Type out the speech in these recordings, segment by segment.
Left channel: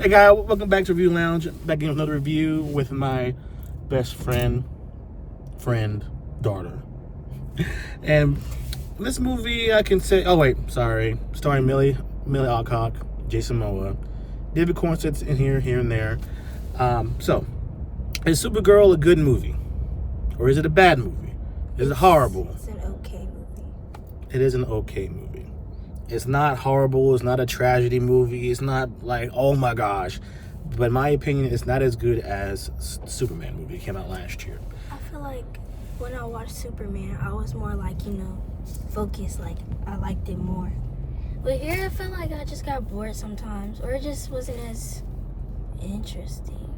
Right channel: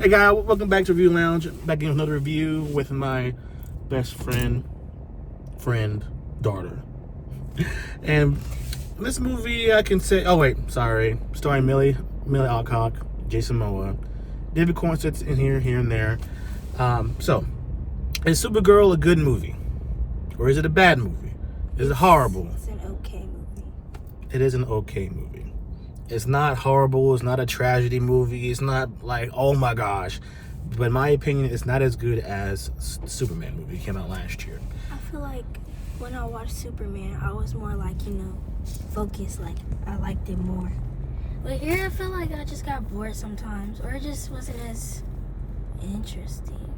Hey guys, welcome back to Review Lounge. Back in with another review with my best friend, daughter. And this movie, I can say, starring Millie Alcock, Jason Momoa, David Cornsets in here and there. So, is Supergirl a good movie? Or is it a bad movie? Is it horrible? It's an okay movie. It is an okay movie. It's not horrible. It's not a tragedy movie. It's not like, oh my gosh. But in my opinion, it's not as good as the Superman movie. It came out last year. I feel like when I watched Superman, I was more like, focused. Like, I liked it more. But here, I feel like I just got bored sometimes. Or it just wasn't as interesting.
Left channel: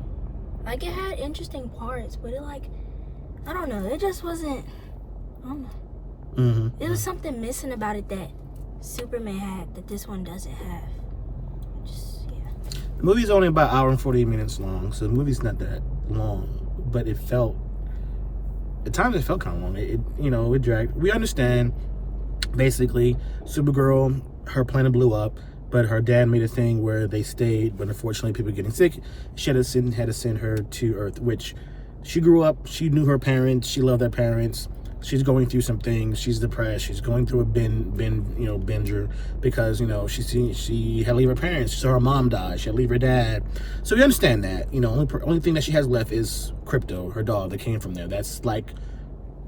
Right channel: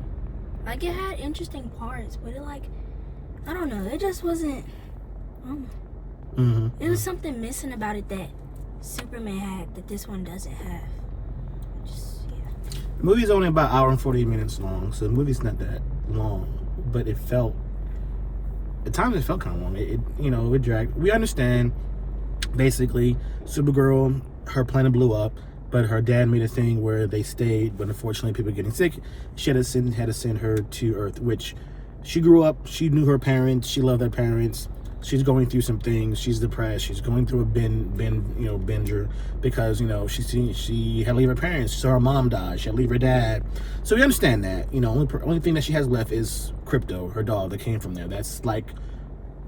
Like, it had interesting parts, but it, like, I don't know. It just wasn't, I don't know. Mm-hmm. There was something missing about it that Superman had that this one doesn't have. The movie's only about an hour and 48 minutes long, so the movie's not that long. But it felt, at times it felt kind of long. It dragged. We understand, basically, Supergirl, her planet blew up, but her dad made a thing where they stayed, but unfortunately people were getting sick. She had to send her to Earth, which she grew up, she knew her parents, she loved their parents. She's going through some things. She's depressed. She's going through a binger because she had to leave her parents. So her mom died. She had to leave her dad. So we understand that. Only thing that she has left is Crypto, her dog that came from there. That's like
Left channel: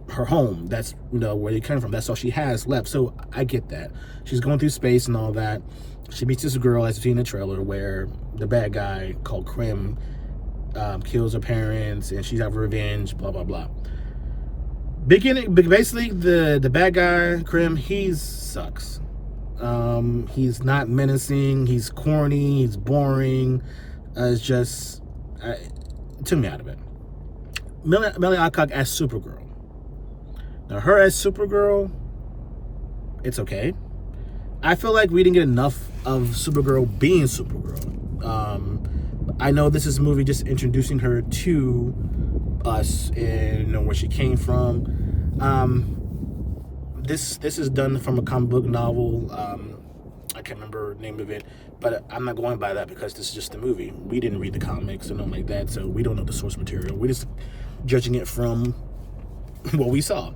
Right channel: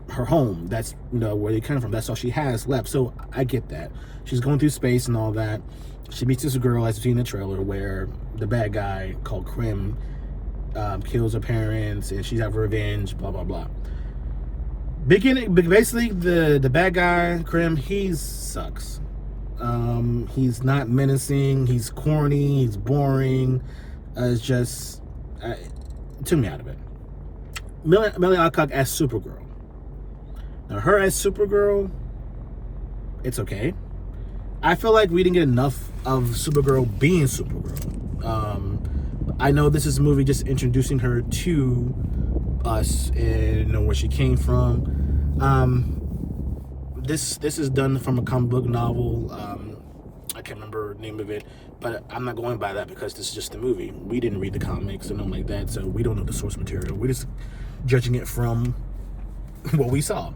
her home. That's where they came from. That's all she has left. So I get that. She's going through space and all that. She meets this girl, as you see in the trailer, where the bad guy called Krim kills her parents, and she's having revenge. Blah blah blah. Basically, the bad guy, Krim, he sucks. He's not menacing. He's corny. He's boring. It's just took me out of it. Millie Alcock as Supergirl. Now, her as Supergirl, it's okay. I feel like we didn't get enough of Supergirl being Supergirl. I know this is a movie just introducing her to us and where she came from. This is done from a comic book novel. I can't remember the name of it, but I'm not going by that because this is just the movie. We didn't read the comics and nothing like that, so we don't know the source material. We're just judging it from what we saw.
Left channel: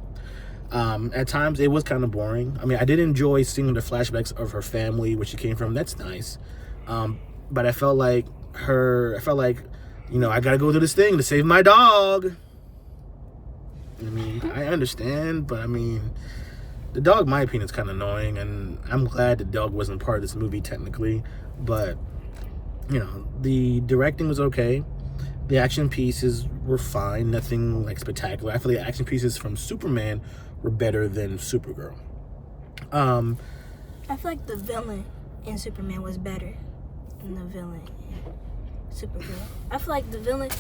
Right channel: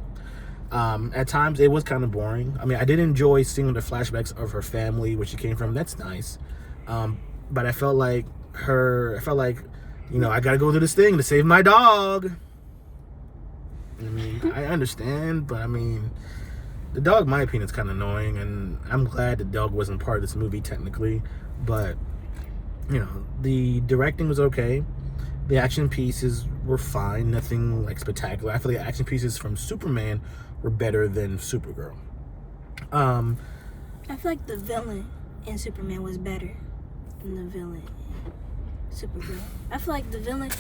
At times it was kind of boring. I mean, I did enjoy seeing the flashbacks of her family, where she came from. That's nice. But I felt like I gotta go do this thing to save my dog. I mean, I understand, but I mean, the dog, in my opinion, is kind of annoying, and I'm glad the dog wasn't part of this movie technically. But the directing was okay. The action pieces were fine, nothing like spectacular. I feel like the action pieces from Superman were better than Supergirl. I feel like the villain in Superman was better than the villain in Supergirl. I feel like the villain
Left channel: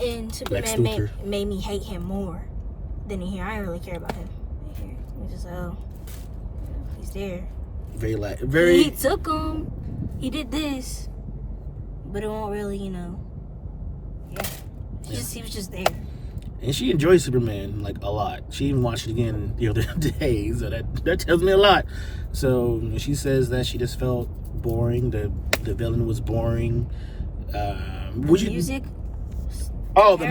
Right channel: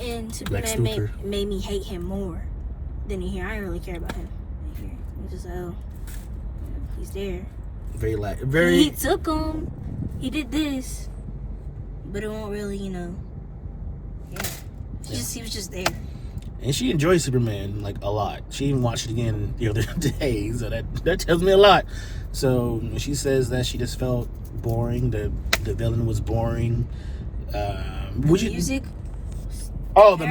in Superman made me hate him more than in here. I didn't really care about him in here. It was just, he's there. He took him. He did this. But it won't really, he was just there. And she enjoys Superman like a lot. She even watched it again the other day, so that tells me a lot. So when she says that she just felt boring, the villain was boring. Music? Oh, the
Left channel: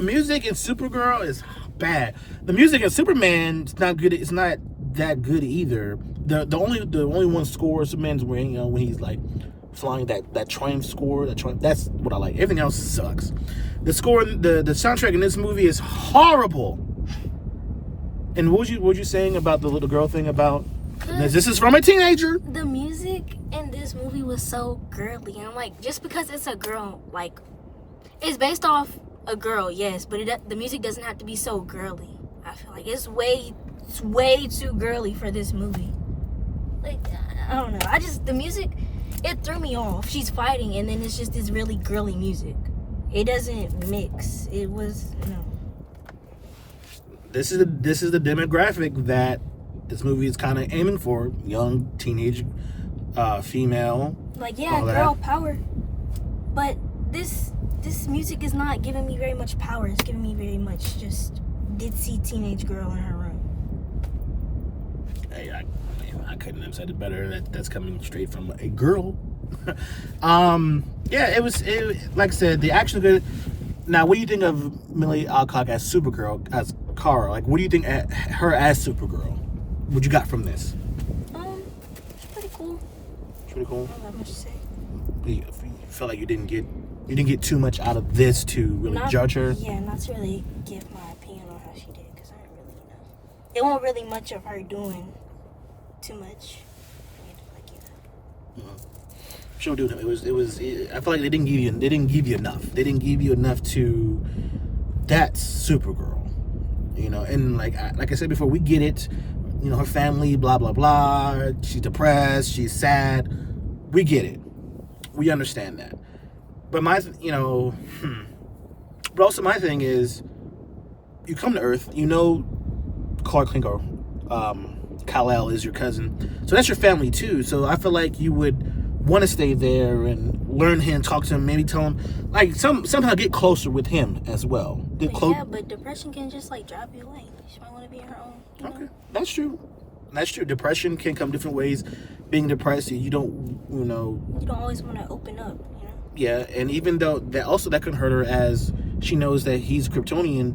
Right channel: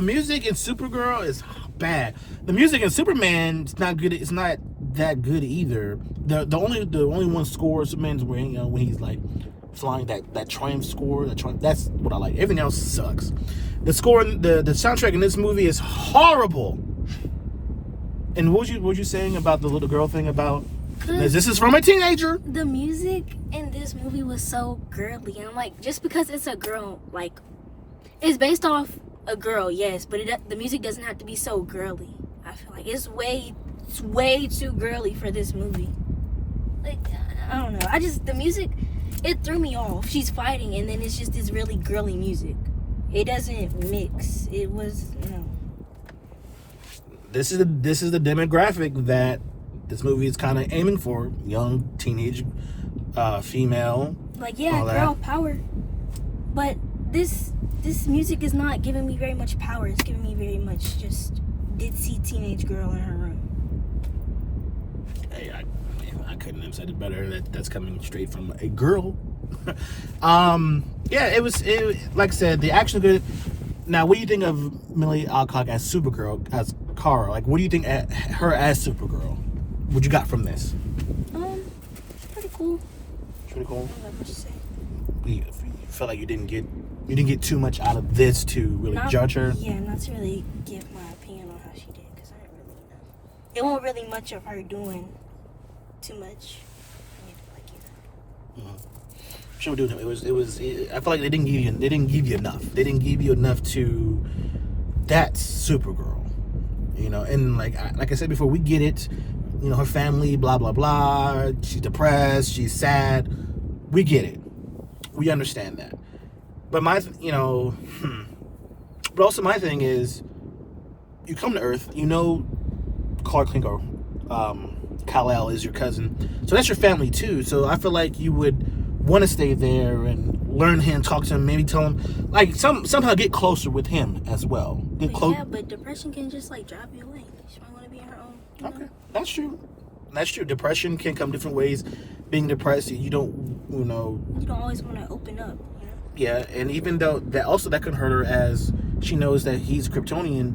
music in Supergirl is bad. The music in Superman is not good. It's not that good either. The only one score Superman's wearing, when he's like flying that train score, that's what I like. Everything else sucks. The score, the soundtrack in this movie is horrible. And what was you saying about the little girl thing about? This is from a teenager. The music in this movie was so girly, and I'm like, just because it's a girl, like, it's based off a girl, yes, but the music doesn't have to be so girly. I feel like it's way too girly for this movie. Like, I don't know. The music, it threw me off. She's fighting, and then it's just this really girly music. It doesn't mix. It was This is the demographic that this movie is kind of aiming for: young teenage female. Like, yeah, girl power. But this music is not giving me very much power. It's giving me very much just ditzy teenage girl in her room. Hey, I couldn't have said it better. That's coming straight from a girl. Yeah, like I said, the action good. Now, what do you think of Millie Alcock as Supergirl, as Kara? Like, what do you think her as Supergirl? What you got from this? Pretty cool. Pretty cool. Not that much to say. You felt like you didn't get too much out of this to really judge her. Yeah, not to really give my opinion on how she did, because I don't really know. There wasn't really much of her doing too much. Sure, dude. It was. I feel like they didn't give you enough. They didn't give you enough to. That's Supergirl, you know. And like I said before, we get it. You know, her family, blah blah blah. She's depressed. She's sad. We get it. We understand that. But but also my thing is, you come to Earth. You know, Clark Kent or Kal-El is your cousin, so that's your family too. So I feel like you would want to stay there and learn him, talk to him, maybe tell him, like somehow get closer with him as well. Yeah, but depression can just like drive you away. She might want to be on her own. Okay, that's true. That's true. Depression can come different ways. Being depressed, you don't always want to open up. You know? Yeah, and even though that can hurt her, as she knows that he's Kryptonian,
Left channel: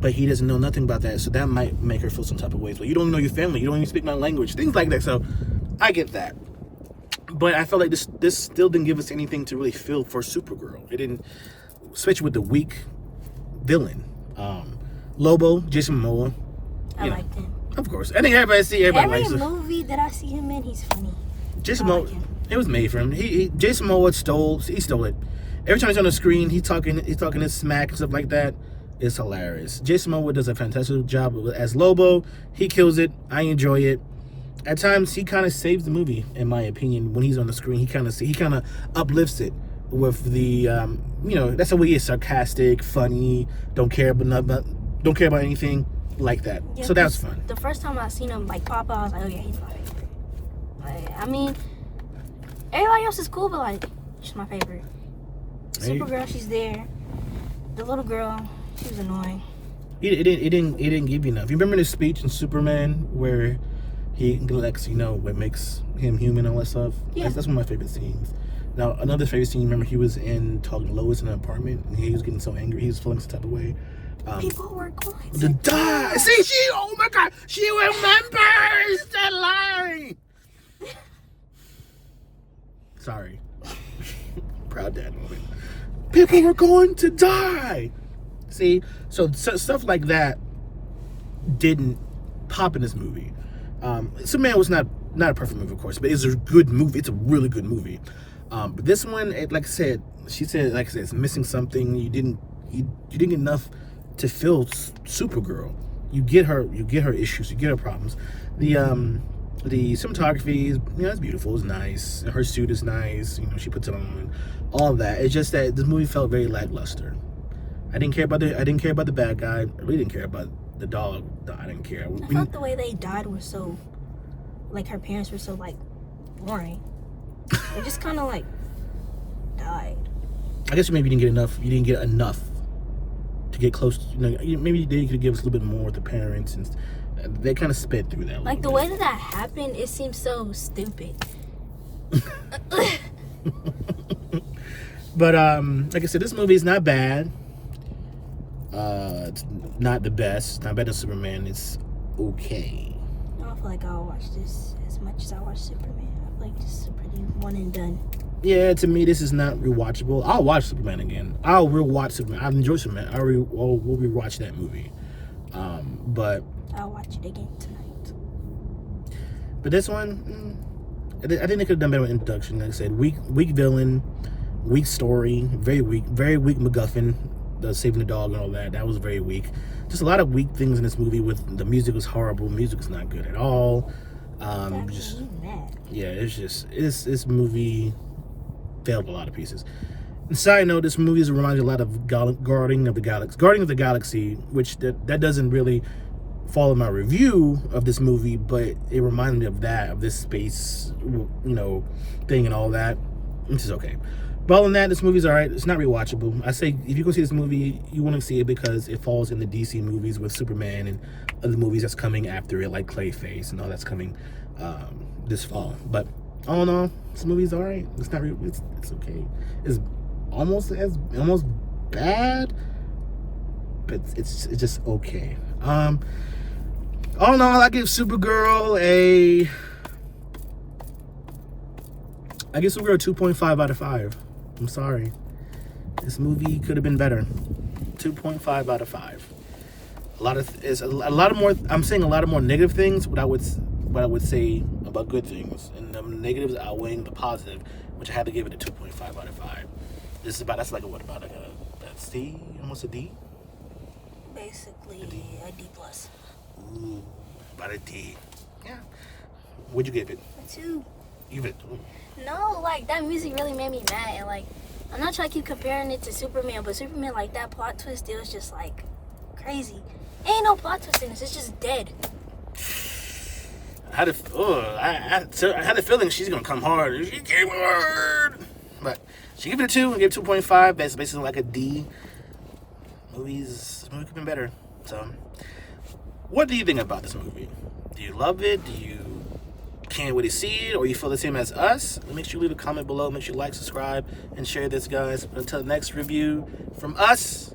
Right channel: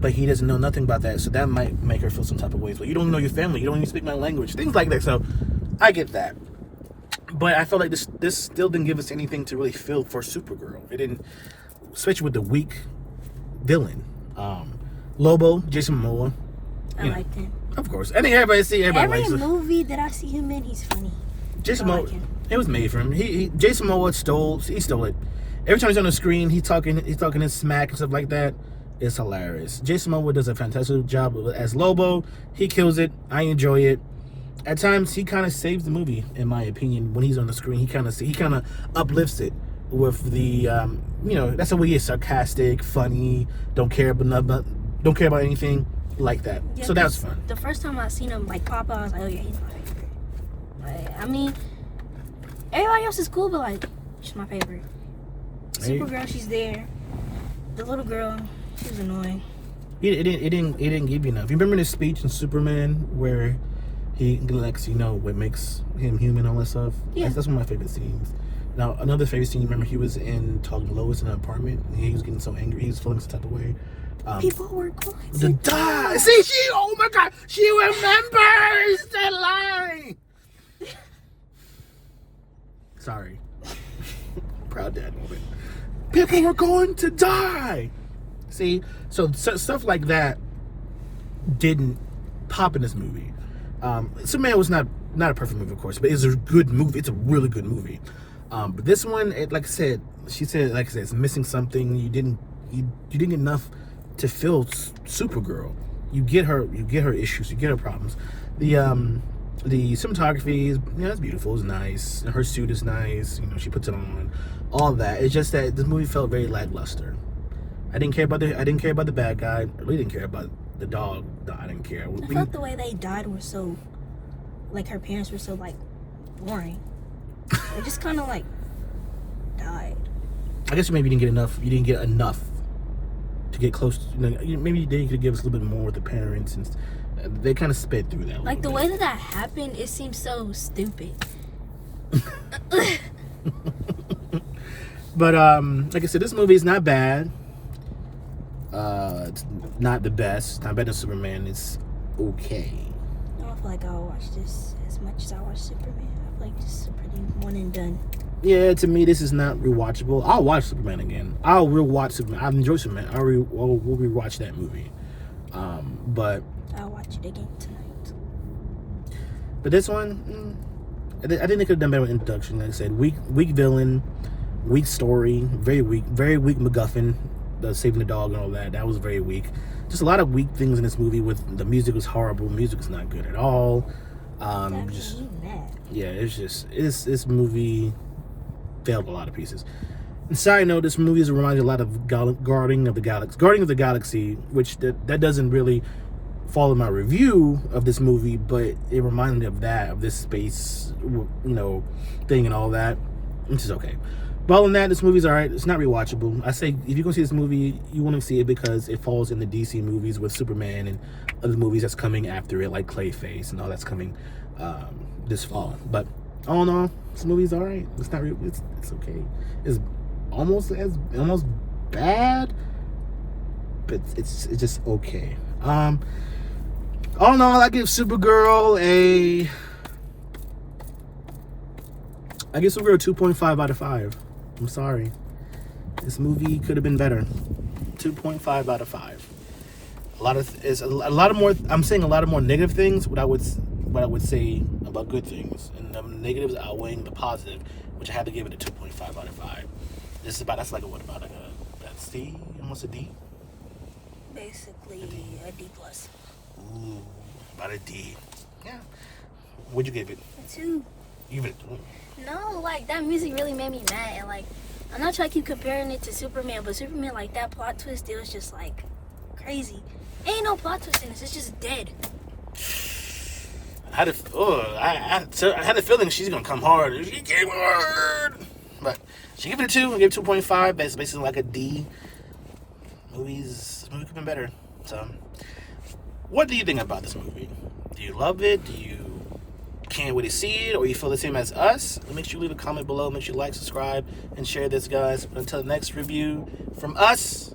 but he doesn't know nothing about that, so that might make her feel some type of way. So you don't know your family, you don't even speak my language, things like that. So I get that. But I felt like this still didn't give us anything to really feel for Supergirl. It didn't, especially with the weak villain. Lobo, Jason Momoa. I liked him. Of course. I think everybody likes him. Every movie that I see him in, he's funny. Jason Momoa, it was made for him. Jason Momoa stole it. Every time he's on the screen, he's talking his smack and stuff like that. It's hilarious. Jason Momoa does a fantastic job as Lobo. He kills it. I enjoy it. At times, he kind of saves the movie, in my opinion. When he's on the screen, he kind of uplifts it with the, that's the way he is, sarcastic, funny, don't care about anything like that. Yeah, so that's fun. The first time I seen him like pop out, I was like, oh yeah, he's my favorite. Like, I mean, everybody else is cool, but like, she's my favorite. Supergirl, she's there. The little girl, she's annoying. It didn't give you enough. You remember the speech in Superman where he lets you know what makes him human, all that stuff? Yeah. That's one of my favorite scenes. Now, another favorite scene, remember he was talking to Lois in an apartment, and he was getting so angry, he was feeling some type of way. People were going to die. See, oh my God, she remembers that line. Sorry. Proud dad moment. People were going to die. See, so stuff like that didn't pop in this movie. Superman was not a perfect movie, of course, but it's a good movie. It's a really good movie. But this one, like I said, it's missing something. You didn't get enough to feel Supergirl. You get her issues, you get her problems. The cinematography is, it's beautiful, it's nice. Her suit is nice, she puts it on. All of that. It's just that this movie felt very lackluster. I didn't care about the bad guy. I really didn't care about the dog. I didn't care. I felt the way they died was so, like, her parents were so, like, boring. They just kind of, like, died. I guess maybe you didn't get enough to get close to, maybe they could give us a little bit more with the parents, and they kind of sped through that. Like, the way that happened, it seems so stupid. But like I said, this movie is not bad. It's not the best. Not better than Superman. It's okay. I don't feel like I'll watch this as much as I watch Superman. I feel like this is a pretty one and done. Yeah, to me, this is not rewatchable. I'll watch Superman again. I'll rewatch Superman. I've enjoyed Superman. We'll rewatch that movie. But I'll watch it again tonight. But this one, I think they could have done better with introduction. Like I said, weak villain, weak story, very weak MacGuffin, the saving the dog and all that. That was very weak. Just a lot of weak things in this movie. With the music was horrible. Music is not good at all. This movie failed a lot of pieces. And side note, this movie reminds you a lot of Guardian of the Galaxy, which that doesn't really follow my review of this movie, but it reminded me of this space, thing and all that, which is okay. But other than that, this movie's alright. It's not rewatchable. I say if you go see this movie, you want to see it because it falls in the DC movies with Superman and other movies that's coming after it, like Clayface and all that's coming this fall. But All in all, this movie's all right. It's not real. It's okay. It's almost bad, but it's just okay. All in all, I give Supergirl a 2.5 out of 5. I'm sorry. This movie could have been better. 2.5 out of 5. A lot of more. I'm saying a lot of more negative things. What I would say about good things, and the negatives outweighing the positive, which I had to give it a 2.5 out of 5. That's like a C, almost a D. Basically, a D plus. Ooh, about a D. Yeah. What'd you give it? A 2. You give it. No, like that music really made me mad, and like I'm not trying to keep comparing it to Superman, but Superman, like that plot twist, it was just like crazy. Ain't no plot twist in this; it's just dead. I had a feeling she's gonna come hard. She came hard, but she gave it a 2 and gave it 2.5. Basically like a D. This movie could have been better. So, what do you think about this movie? Do you love it? Do you can't wait to see it, or you feel the same as us? Make sure you leave a comment below. Make sure you like, subscribe, and share this, guys. Until the next review from us.